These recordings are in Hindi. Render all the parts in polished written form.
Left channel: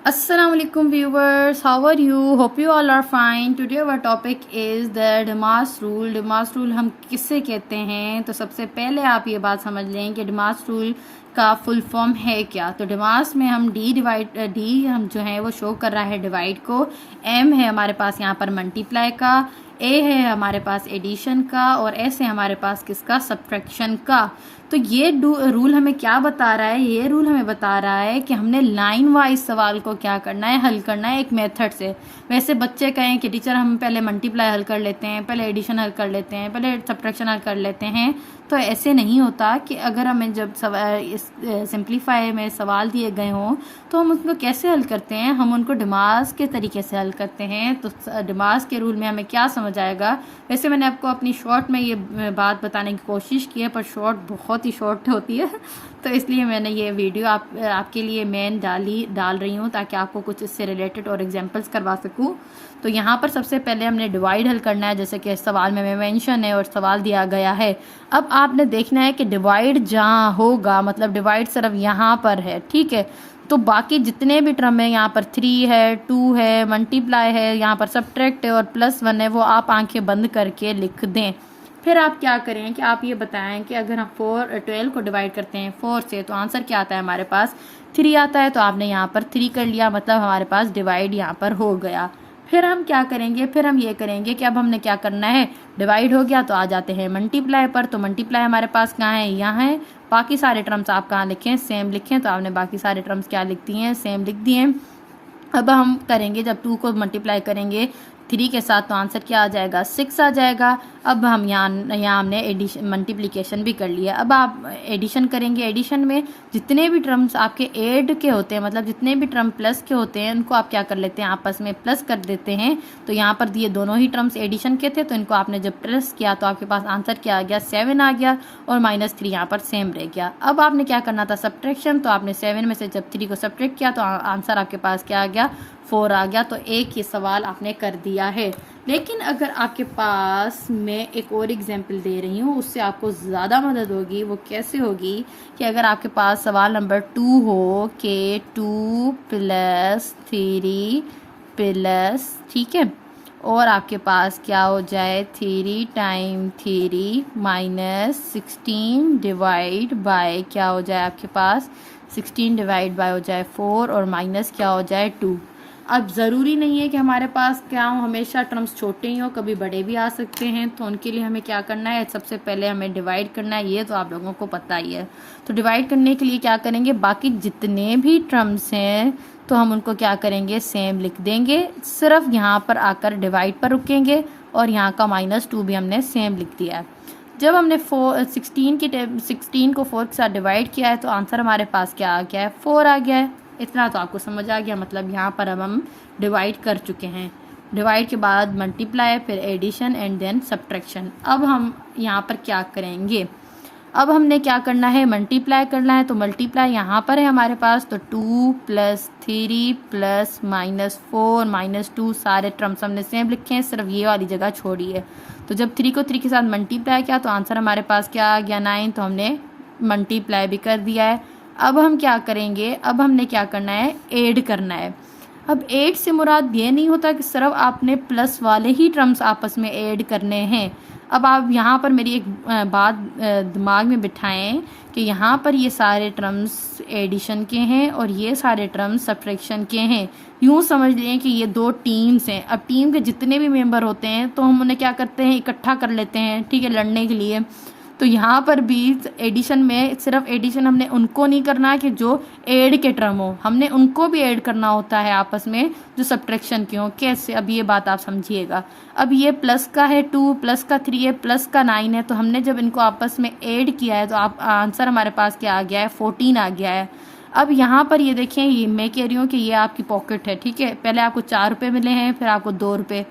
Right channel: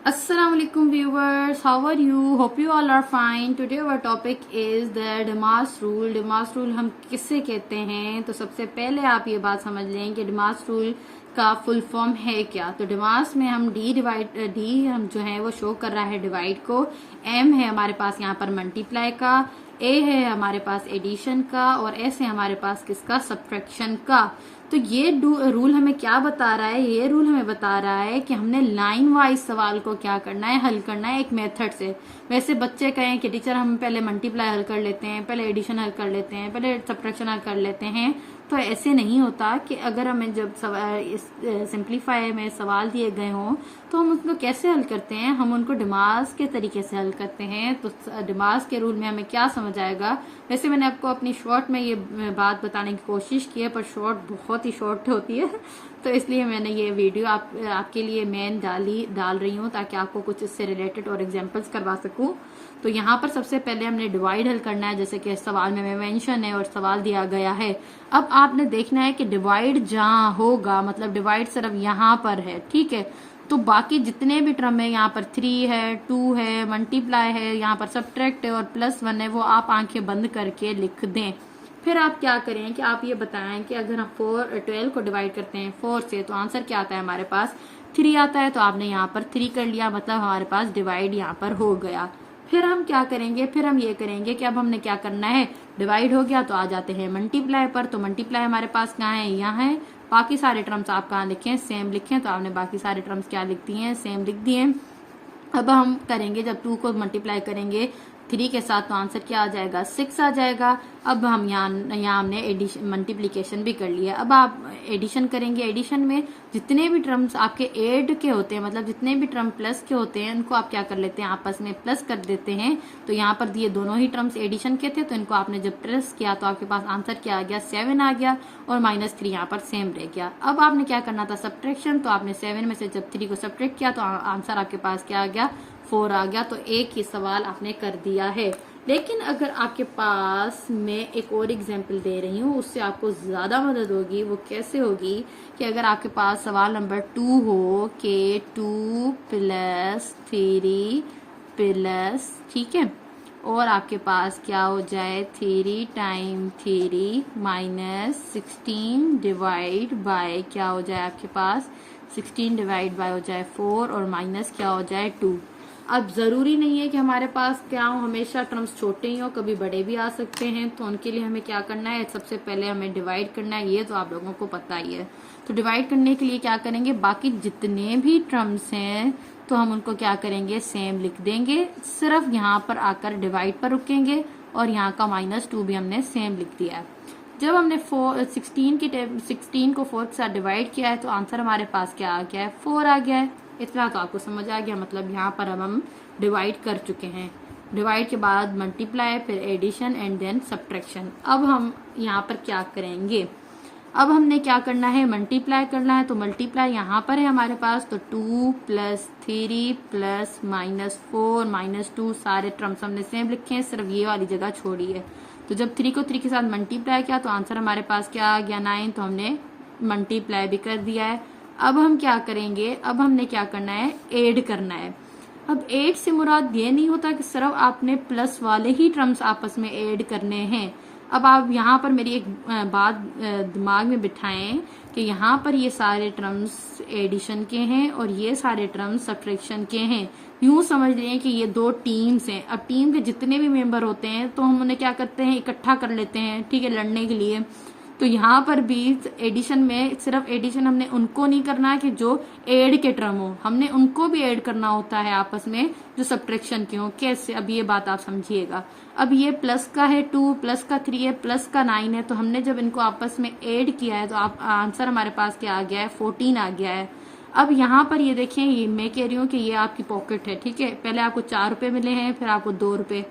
Assalamualaikum viewers, how are you? Hope you all are fine. Today our topic is the डिमास रूल. डिमास रूल हम किससे कहते हैं? तो सबसे पहले आप ये बात समझ लें कि डिमास रूल का फुल फॉर्म है क्या. तो डिमास में हम डी हम जो है वो शो कर रहा है डिवाइड को, एम है हमारे पास यहाँ पर मल्टीप्लाई का, ए है हमारे पास एडिशन का और एस है हमारे पास किसका, सब्ट्रैक्शन का. तो ये रूल हमें क्या बता रहा है? ये रूल हमें बता रहा है कि हमने लाइन वाइज सवाल को क्या करना है, हल करना है एक मेथड से. वैसे बच्चे कहें कि टीचर हम पहले मल्टीप्लाई हल कर लेते हैं, पहले एडिशन हल कर लेते हैं, पहले सब्ट्रैक्शन हल कर लेते हैं, तो ऐसे नहीं होता. कि अगर हमें जब सिंप्लीफाई में सवाल दिए गए हों तो हम उनको कैसे हल करते हैं, हम उनको डिमास के तरीके से हल करते हैं. तो डिमास के रूल में हमें क्या समझ आएगा. वैसे मैंने आपको अपनी शॉर्ट में ये बात बताने की कोशिश की है, पर शॉर्ट बहुत ही शॉर्ट होती है तो इसलिए मैंने ये वीडियो आपके लिए डाल रही हूँ ताकि आपको कुछ इससे रिलेटेड और एग्जांपल्स करवा सकूँ. तो यहाँ पर सबसे पहले हमने डिवाइड हल करना है, जैसे कि सवाल में मेंशन है और सवाल दिया गया है. अब आपने देखना है कि डिवाइड जहाँ होगा, मतलब डिवाइड सिर्फ यहाँ पर है, ठीक है. तो बाकी जितने भी टर्म है, यहाँ पर 3 है, 2 है, मल्टीप्लाई है, यहाँ पर सब्ट्रैक्ट है और +1 है, वो आप आंखें बंद करके लिख दें. फिर आप क्या करें कि आप ये बताएं कि अगर हम 12 को डिवाइड करते हैं 4 से तो आंसर क्या आता है हमारे पास, 3 आता है. तो आपने यहाँ पर 3 कर लिया, मतलब हमारे पास डिवाइड यहाँ पर हो गया. फिर हम क्या करेंगे, फिर हम ये करेंगे कि अब हमने क्या करना है, डिवाइड हो गया तो आ जाते हैं मल्टीप्लाई पर. तो मल्टीप्लाई हमारे पास कहाँ है, यहाँ है. बाकी सारे टर्म्स आप कहाँ लिखें, सेम लिखें. तो आपने बाकी सारे टर्म्स क्या लिख दिए हैं, सेम लिख दिए. अब हम करेंगे जब 2 को मल्टीप्लाई करेंगे 3 के साथ तो आंसर क्या आ जाएगा, 6 आ जाएगा. अब हम यहाँ हमने एडिशन मल्टीप्लिकेशन भी कर लिया. अब आप एडिशन करेंगे. एडिशन में जितने भी टर्म्स आपके ऐड के होते हैं, मतलब जितने भी टर्म प्लस के होते हैं, उनको आप क्या कर लेते हैं, आपस में प्लस कर देते हैं. तो यहाँ पर दिए दोनों ही टर्म्स एडिशन के थे, तो इनको आपने जब प्लस किया तो आपके पास आंसर क्या आ गया, 7 आ गया और -3 यहाँ पर सेम रह गया. अब आपने क्या करना था, सब्ट्रैक्शन. तो आपने 7 में से जब 3 को सब्ट्रैक्ट किया तो आंसर आपके पास क्या आ गया, 4 आ गया. तो एक ही सवाल आपने कर दिया है. लेकिन अगर आपके पास मैं एक और एग्जाम्पल दे रही हूँ, उससे आपको ज़्यादा मदद होगी. वो कैसे होगी कि अगर आपके पास सवाल नंबर 2 हो कि 2 + 3 प्लस, ठीक है, और आपके पास क्या हो जाए 3 टाइम 3 -16 डिवाइड बाय क्या हो जाए आपके पास, 16 डिवाइड बाय हो जाए 4 और माइनस क्या हो जाए 2. अब ज़रूरी नहीं है कि हमारे पास क्या हो, हमेशा टर्म्स छोटे ही हो, कभी बड़े भी आ सकते हैं. तो उनके लिए हमें क्या करना है, सबसे पहले हमें डिवाइड करना है. ये तो आप लोगों को पता ही है. तो डिवाइड करने के लिए क्या करेंगे, बाकी जितने भी टर्म्स हैं तो हम उनको क्या करेंगे, सेम लिख देंगे. सिर्फ यहाँ पर आकर डिवाइड पर रुकेंगे और यहाँ का -2 भी हमने सेम लिख दिया है. जब हमने 16 को 4 के साथ डिवाइड किया है तो आंसर हमारे पास क्या आ गया है, 4 आ गया है. इतना तो आपको समझ आ गया. मतलब यहाँ पर अब हम डिवाइड कर चुके हैं. डिवाइड के बाद मल्टीप्लाई, फिर एडिशन एंड देन सब्ट्रैक्शन. अब हम यहाँ पर क्या करेंगे, अब हमने क्या करना है, मल्टीप्लाई करना है. तो मल्टीप्लाई यहाँ पर है हमारे पास. तो 2 + 3 + -4 -2 सारे टर्म्स हमने सेम लिखे हैं, सिर्फ ये वाली जगह छोड़ी है. तो जब 3 को 3 के साथ मल्टीप्लाई किया तो आंसर हमारे पास क्या आ गया, 9. तो हमने मल्टीप्लाई भी कर दिया है. अब हम क्या करेंगे, अब हमने क्या करना है, ऐड करना है. अब ऐड से मुराद ये नहीं होता कि सिर्फ आपने प्लस वाले ही टर्म्स आपस में ऐड करने हैं. अब आप यहाँ पर मेरी एक बात दिमाग में बिठाएं कि यहाँ पर ये सारे टर्म्स एडिशन के हैं और ये सारे टर्म्स सब्ट्रैक्शन के हैं. यूँ समझ लें कि ये 2 टीम्स हैं. अब टीम के जितने भी मेंबर होते हैं तो हम उन्हें क्या करते हैं, इकट्ठा कर लेते हैं, ठीक है, लड़ने के लिए. तो यहाँ पर भी एडिशन में सिर्फ एडिशन हमने उनको नहीं करना कि जो ऐड के टर्म हो, हमने उनको भी ऐड करना होता है आपस में जो सब्ट्रैक्शन के हो. कैसे, अब ये बात आप समझिएगा. अब ये प्लस का है 2, प्लस का 3 है, प्लस का 9 है. तो हमने जब इनको आपस में ऐड किया है तो आप आंसर हमारे पास क्या आ गया है, 14 आ गया है. अब यहाँ पर ये देखें, ये मैं कह रही हूँ कि ये आपकी पॉकेट है, ठीक है. पहले आपको 4 रुपये मिले हैं, फिर आपको 2 रुपये.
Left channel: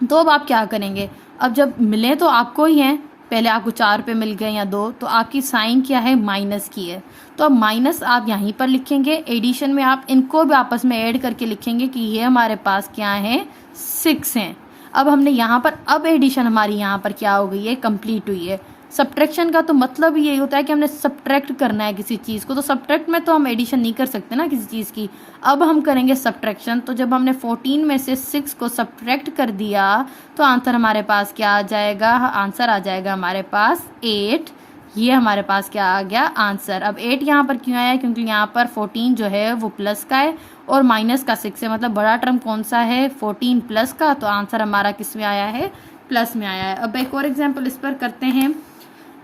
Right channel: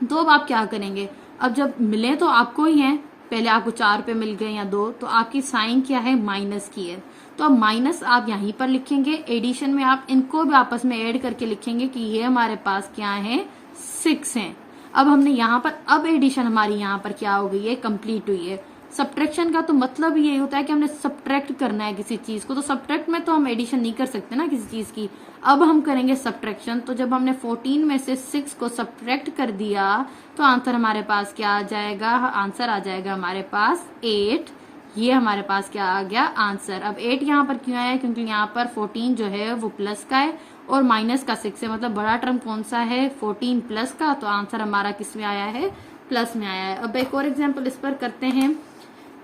तो अब आप क्या करेंगे, अब जब मिले तो आपको ही हैं, पहले आपको 4 रुपये मिल गए या 2, तो आपकी साइन क्या है, माइनस की है. तो अब माइनस आप यहीं पर लिखेंगे. एडिशन में आप इनको भी आपस में ऐड करके लिखेंगे कि ये हमारे पास क्या है, 6 हैं. अब हमने यहाँ पर, अब एडिशन हमारी यहाँ पर क्या हो गई है, कंप्लीट हुई है. सब्ट्रैक्शन का तो मतलब ही यही होता है कि हमने सब्ट्रैक्ट करना है किसी चीज़ को, तो सब्ट्रैक्ट में तो हम एडिशन नहीं कर सकते ना किसी चीज़ की। अब हम करेंगे सब्ट्रैक्शन, तो जब हमने 14 में से 6 को सब्ट्रैक्ट कर दिया तो आंसर हमारे पास क्या आ जाएगा, आंसर आ जाएगा हमारे पास 8। ये हमारे पास क्या आ गया आंसर। अब 8 यहाँ पर क्यों आया, क्योंकि यहाँ पर 14 जो है वो प्लस का है और माइनस का 6 है, मतलब बड़ा टर्म कौन सा है 14 प्लस का, तो आंसर हमारा किस में आया है, प्लस में आया है। अब एक और एग्जाम्पल इस पर करते हैं।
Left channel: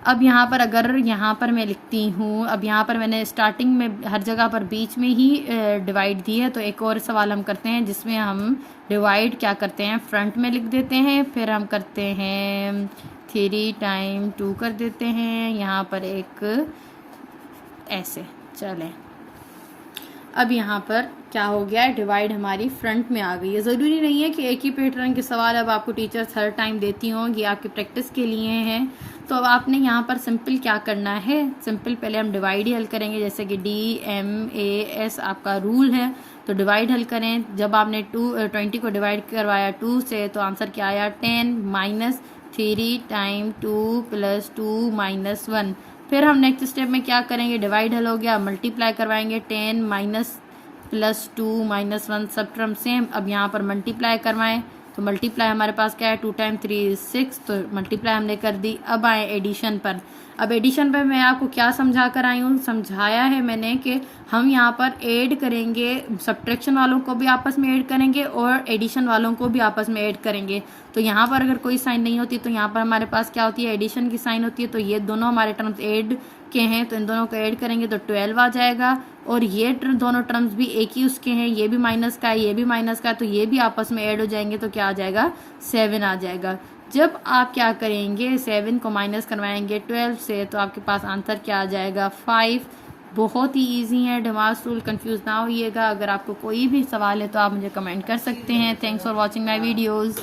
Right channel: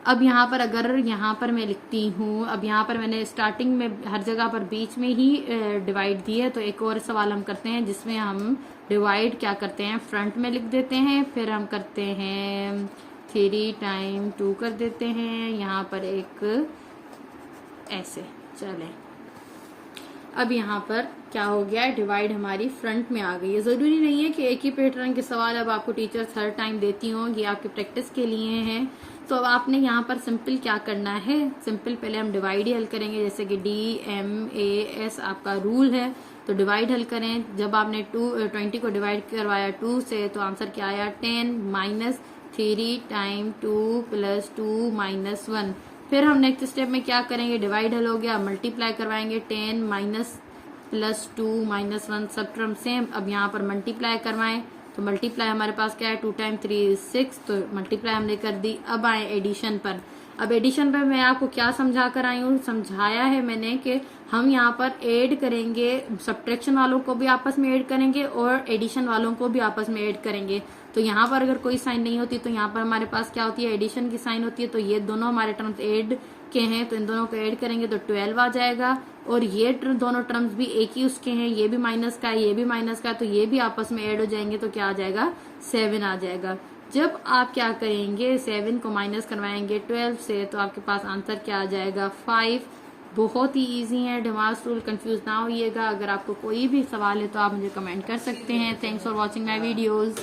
अब यहाँ पर अगर यहाँ पर मैं लिखती हूँ, अब यहाँ पर मैंने स्टार्टिंग में हर जगह पर बीच में ही डिवाइड दी है, तो एक और सवाल हम करते हैं जिसमें हम डिवाइड क्या करते हैं, फ्रंट में लिख देते हैं, फिर हम करते हैं 3 टाइम 2 कर देते हैं यहाँ पर एक ऐसे। चले अब यहाँ पर क्या हो गया है, डिवाइड हमारी फ्रंट में आ गई है। ज़रूरी नहीं है कि एक ही पैटर्न के सवाल अब आपको टीचर्स हर टाइम देती हों, ये आपकी प्रैक्टिस के लिए हैं। तो अब आपने यहाँ पर सिंपल क्या करना है, सिंपल पहले हम डिवाइड ही हल करेंगे, जैसे कि DMAS आपका रूल है, तो डिवाइड हल करें। जब आपने 20 को डिवाइड करवाया 2 से, तो आंसर क्या आया 10 माइनस 3 टाइम 2 प्लस 2 माइनस 1। फिर हम नेक्स्ट स्टेप में क्या करेंगे, डिवाइड हल हो गया, मल्टीप्लाई करवाएंगे 10 माइनस प्लस 2 माइनस 1, सब टर्म सेम। अब यहाँ पर मल्टीप्लाई करवाएं, तो मल्टीप्लाई हमारे पास क्या है 2 टाइम 3 6, तो मल्टीप्लाई हमने कर दी। अब आए एडिशन पर। अब एडिशन पर मैं आपको क्या समझा कर आई हूँ, समझाया है मैंने कि हम यहाँ पर ऐड करेंगे, सब्ट्रैक्शन वालों को भी आपस में ऐड करेंगे और एडिशन वालों को भी आपस में ऐड करेंगे। तो यहाँ पर अगर कोई साइन नहीं होती तो यहाँ पर हमारे पास क्या होती है, एडिशन की साइन होती है। तो ये दोनों हमारे टर्म्स ऐड के हैं, तो इन दोनों को ऐड करेंगे तो 12 आ जाएगा। और ये दोनों टर्म्स भी एक ही उसके हैं, ये भी माइनस का है, ये भी माइनस का है, तो ये भी आपस में ऐड हो जाएंगे, तो क्या आ जाएगा 7 आ जाएगा। जब आप क्या करेंगे 7 को माइनस करवाएंगे 12 से, तो आपके पास आंसर क्या आ जाएगा 5। बहुत ही इजी है, डिमास रूल, कंफ्यूज ना होइएगा। अगर आपको कोई भी सवाल है तो आप मुझे कमेंट कर सकते हैं। Thanks for watching my videos.